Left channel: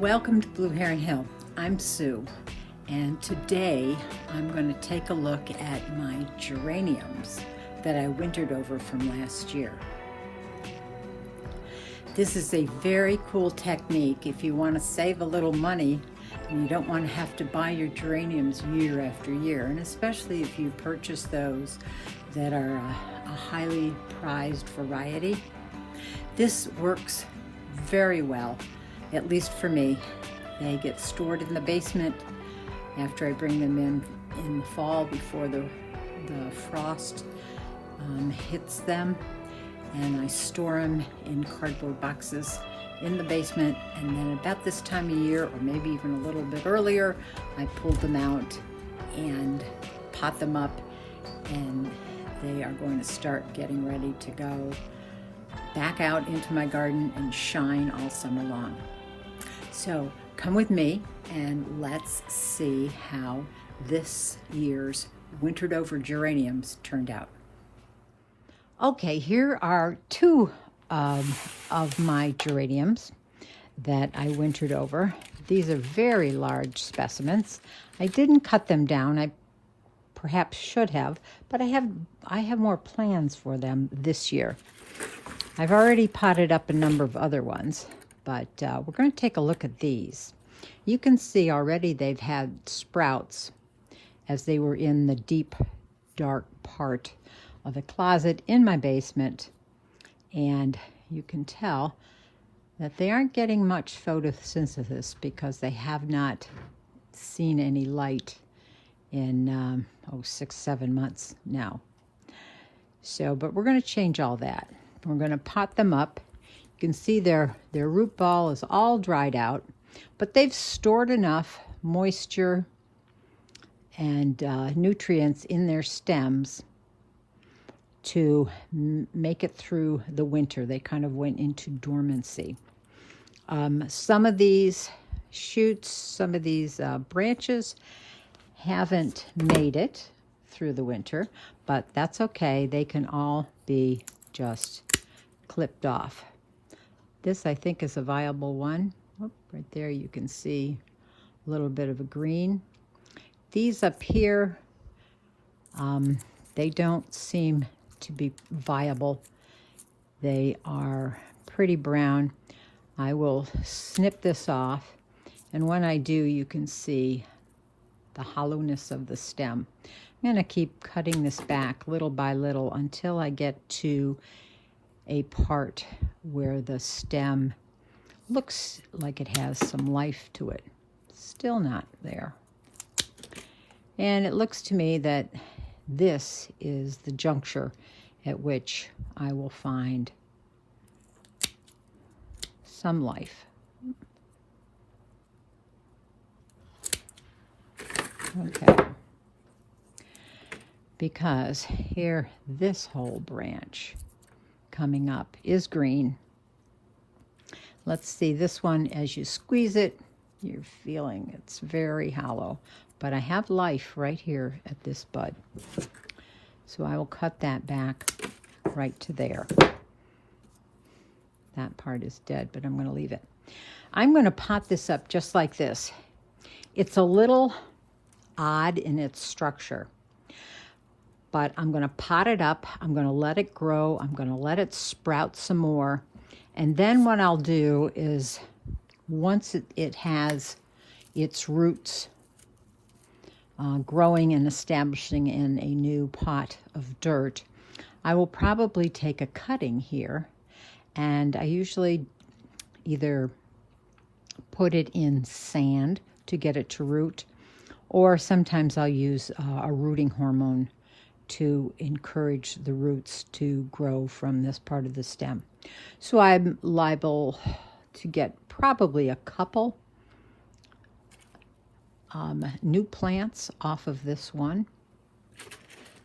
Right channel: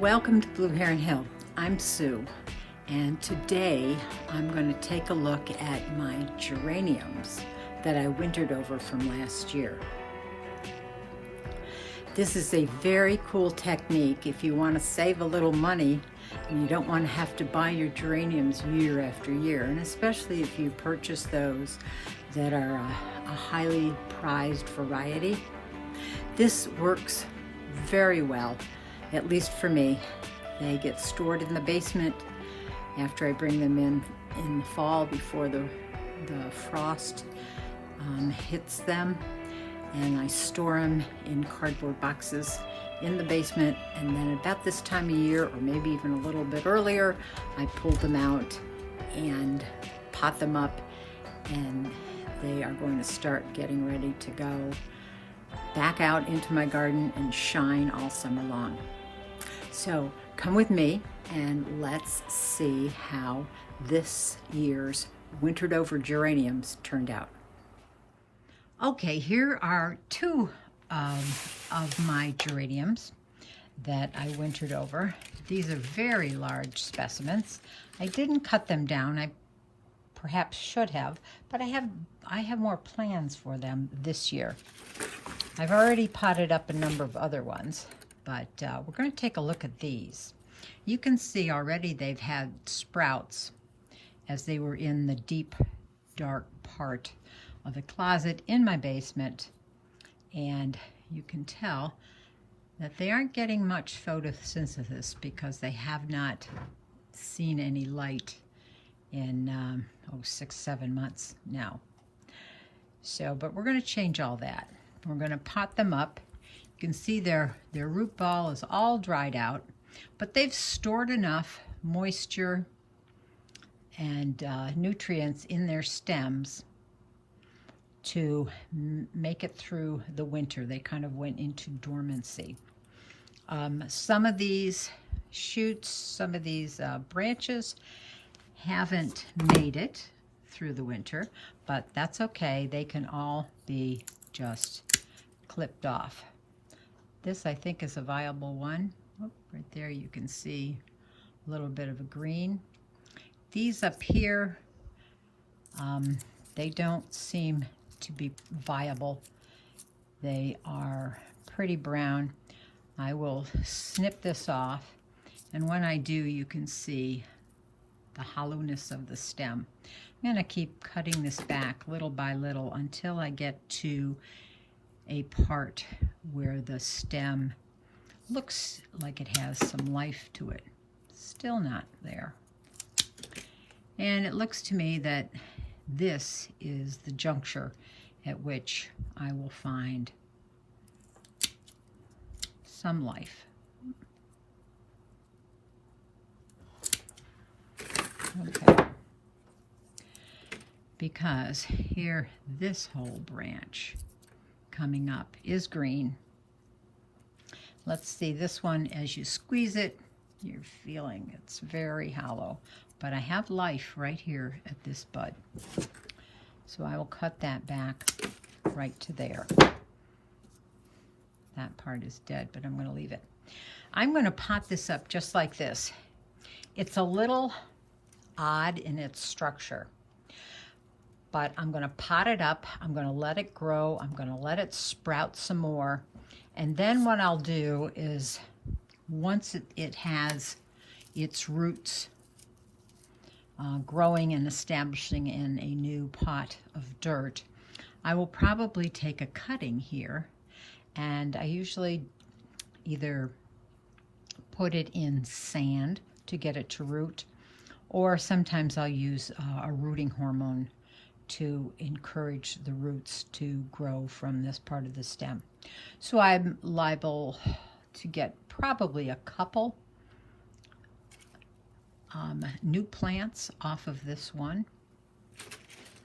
Welcome to Blue Heron Hill. I'm Sue, and today I'm going to take a look at my geraniums that I wintered over from last year. This is a very cool technique if you want to save a little money and you don't want to have to buy your geraniums year after year, and especially if you purchase those that are a highly prized variety. This works very well. At least for me. They get stored in the basement after I bring them in the fall before the frost hits them, and I store them in cardboard boxes in the basement, and then about this time of year, or maybe even a little bit earlier, I pull them out and pot them up, and they are going to start getting ready to go back out into my garden and shine all summer long. So come with me and let's see how this year's wintered over geraniums turned out. Okay, here are two of my geraniums that I wintered over. These are very large specimens. I didn't cut them down. I perhaps should have, but I have more plans for them this year. I've already potted up a number of other ones, but we're going to take a look at these. You can see already they've had sprouts as they were in the deep, dark part of the closet in my basement, and you can tell that they aren't getting much photosynthesis because they have not seen any light in 6-7 months now. So, but we're going to change all that. We're going to pot them up. You can see their root ball is all dried out, but they've stored enough moisture and nutrients in their stems to make it through the winter. They kind of went into dormancy. Some of these shoots, some of these branches haven't made it through the winter, but that's okay. They can all be just clipped off. This, I think, is a viable one. Oh, right there you can see a little bit of a green. These up here, they don't seem to be viable. They are pretty brown. I will snip this off, and when I do, you can see the hollowness of the stem. I'm going to keep cutting this back little by little until I get to a part where the stem looks like it has some life to it. Still not there. And it looks to me that this is the juncture at which I will find some life. Okay. Because here, this whole branch coming up is green. Let's see, this one, as you squeeze it, you're feeling it's very hollow, but I have life right here at this bud. So I will cut that back right to there. That part is dead, but I'm going to leave it. I'm going to pot this up just like this. It's a little odd in its structure, but I'm going to pot it up. I'm going to let it grow. I'm going to let it sprout some more. And then what I'll do is, once it has its roots growing and establishing in a new pot of dirt, I will probably take a cutting here, and I usually either put it in sand to get it to root, or sometimes I'll use a rooting hormone to encourage the roots to grow from this part of the stem. So I'm liable to get probably a couple new plants off of this one.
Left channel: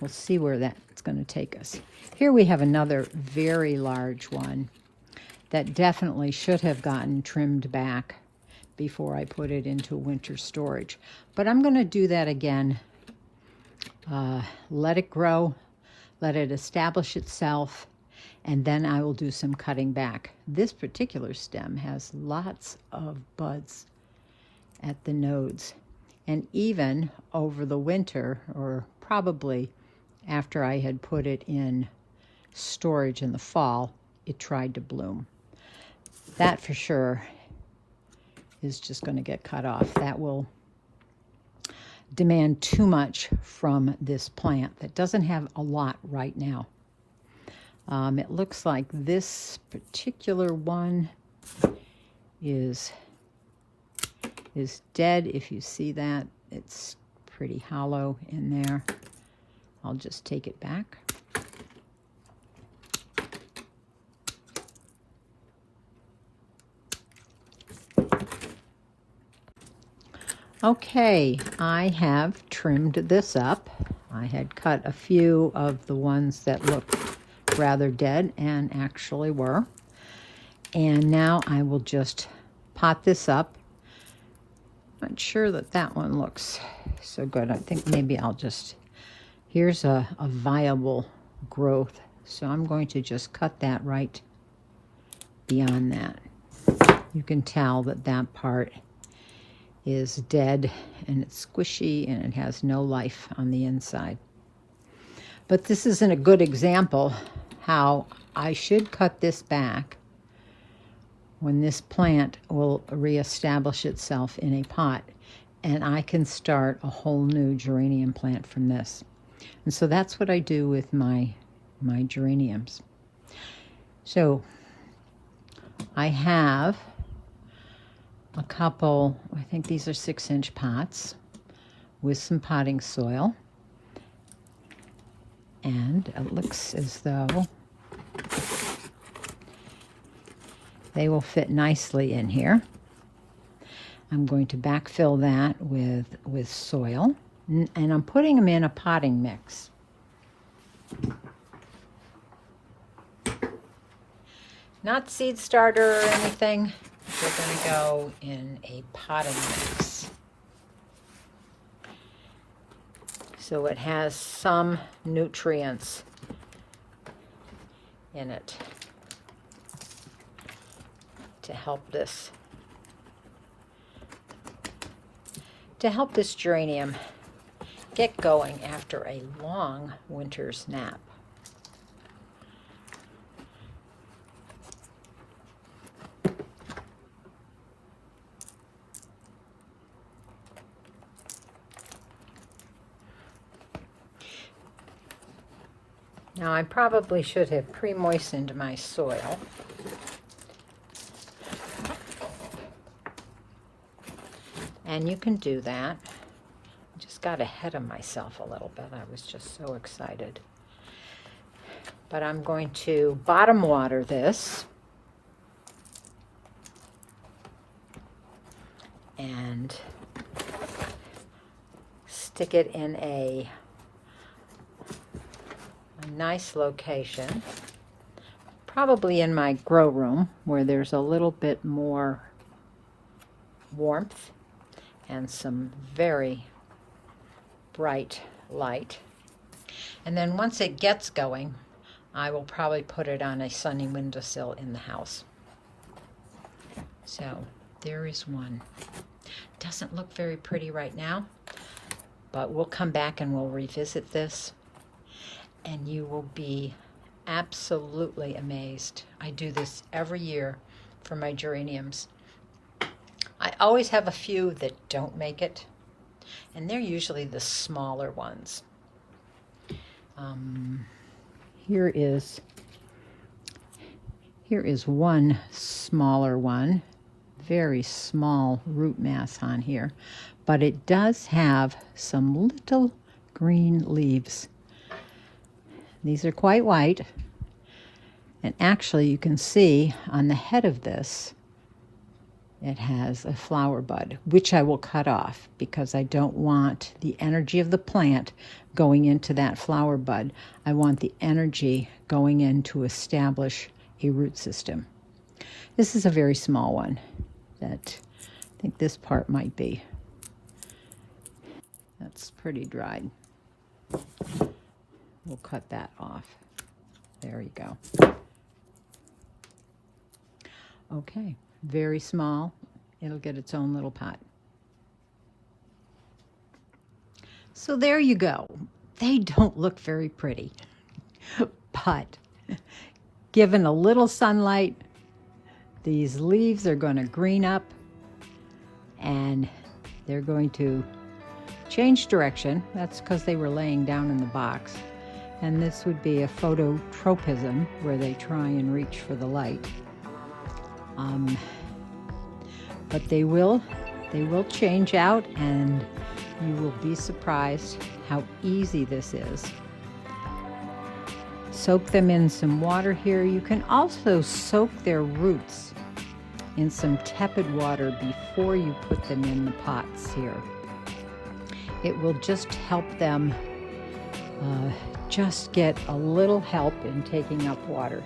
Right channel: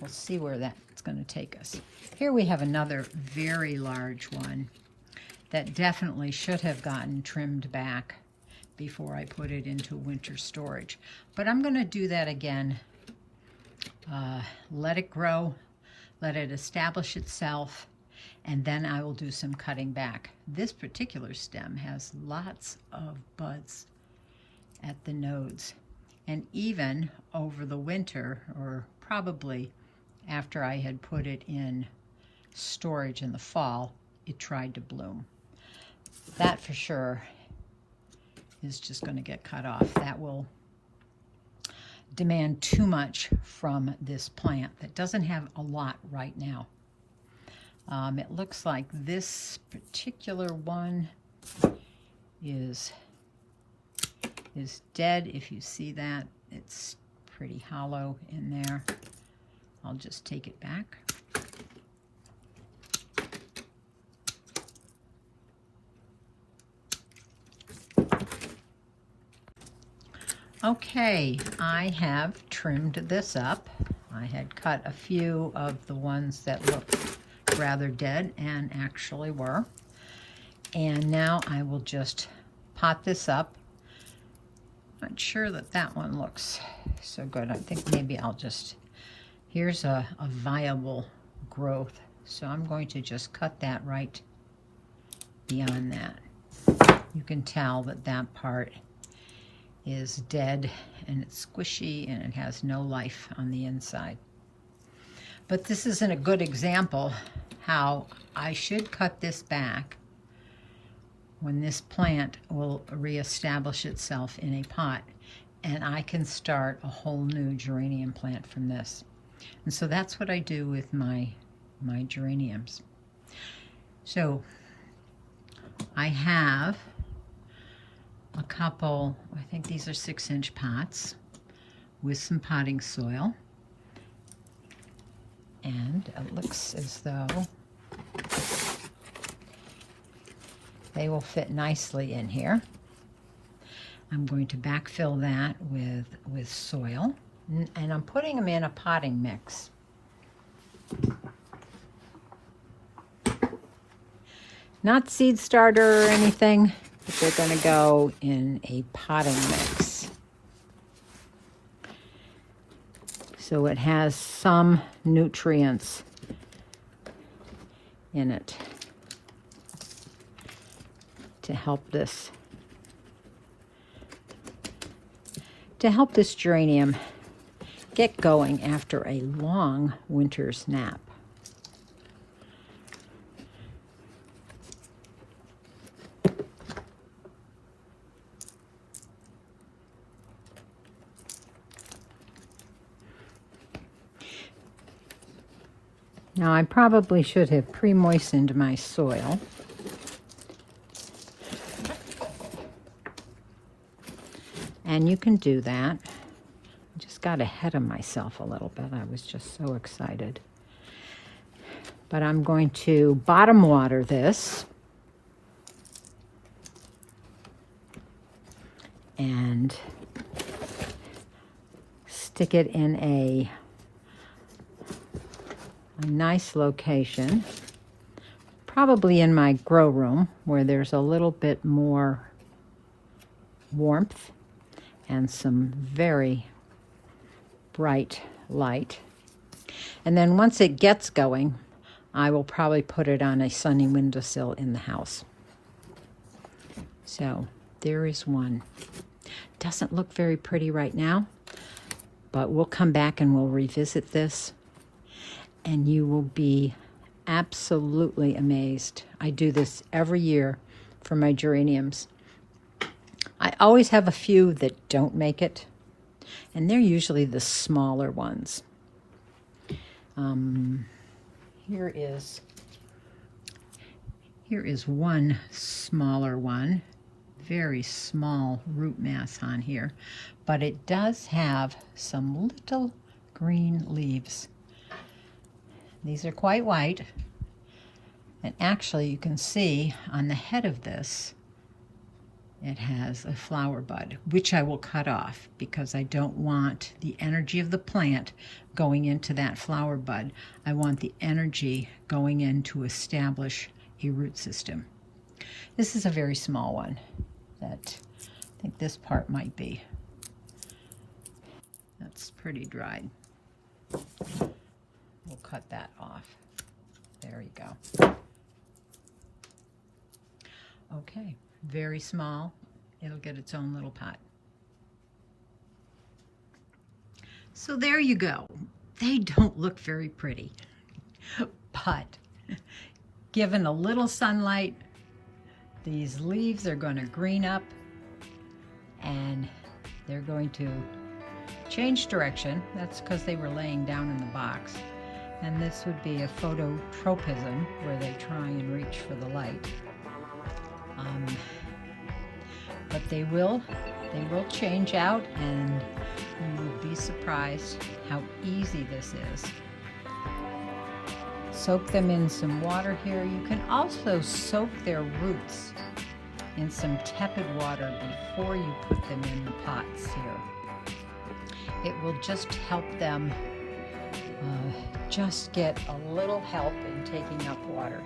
We'll see where that's going to take us. Here we have another very large one that definitely should have gotten trimmed back before I put it into winter storage. But I'm going to do that again. Let it grow, let it establish itself, and then I will do some cutting back. This particular stem has lots of buds at the nodes, and even over the winter, or probably after I had put it in storage in the fall, it tried to bloom. That for sure is just going to get cut off. That will demand too much from this plant that doesn't have a lot right now. It looks like this particular one is dead. If you see that, it's pretty hollow in there. I'll just take it back. Okay, I have trimmed this up. I had cut a few of the ones that looked rather dead, and actually were. And now I will just pot this up. Not sure that that one looks so good. I think maybe I'll just, here's a viable growth. So I'm going to just cut that right beyond that. You can tell that that part is dead and it's squishy and it has no life on the inside. But this isn't a good example how I should cut this back when this plant will reestablish itself in a pot, and I can start a whole new geranium plant from this. And so that's what I do with my geraniums. So I have a couple, I think these are 6-inch pots with some potting soil, and it looks as though they will fit nicely in here. I'm going to backfill that with soil, and I'm putting them in a potting mix. Not seed starter or anything. They're going to go in a potting mix. So it has some nutrients in it to help this geranium get going after a long winter's nap. Now I probably should have pre-moistened my soil. And you can do that. I just got ahead of myself a little bit. I was just so excited. But I'm going to bottom water this. And stick it in a nice location, probably in my grow room where there's a little bit more warmth and some very bright light. And then once it gets going, I will probably put it on a sunny windowsill in the house. So there is one. Doesn't look very pretty right now, but we'll come back and we'll revisit this, and you will be absolutely amazed. I do this every year for my geraniums. I always have a few that don't make it, and they're usually the smaller ones. Here is one smaller one, very small root mass on here, but it does have some little green leaves. These are quite white, and actually you can see on the head of this it has a flower bud, which I will cut off because I don't want the energy of the plant going into that flower bud. I want the energy going in to establish a root system. This is a very small one that I think this part might be. That's pretty dried. We'll cut that off. There you go. Okay, very small. It'll get its own little pot. So there you go. They don't look very pretty, but given a little sunlight, these leaves are going to green up and they're going to change direction. That's because they were laying down in the box. And this would be a phototropism where they try and reach for the light. But they will change out, and you will be surprised how easy this is. Soak them in some water here. You can also soak their roots in some tepid water before you put them in the pots here. It will just help them just get a little help in taking up water.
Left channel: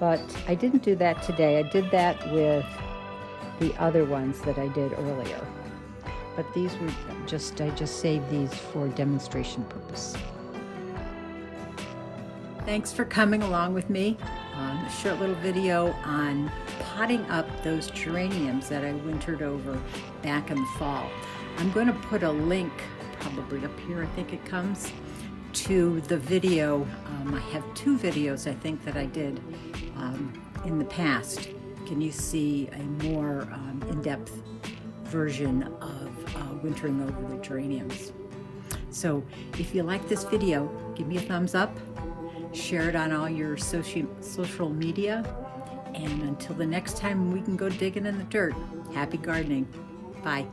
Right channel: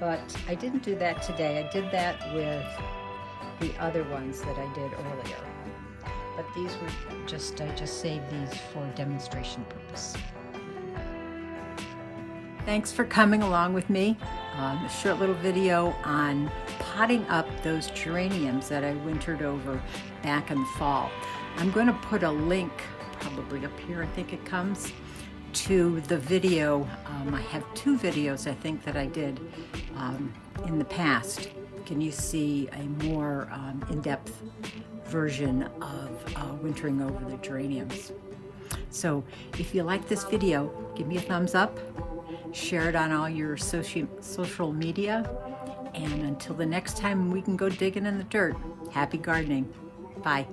But I didn't do that today. I did that with the other ones that I did earlier. But these were I just saved these for demonstration purpose. Thanks for coming along with me on a short little video on potting up those geraniums that I wintered over back in the fall. I'm going to put a link probably up here, I think it comes, to the video. I have 2 videos I think that I did in the past. Can you see a more in-depth version of wintering over the geraniums? So if you like this video, give me a thumbs up, share it on all your social media, and until the next time we can go digging in the dirt, happy gardening. Bye.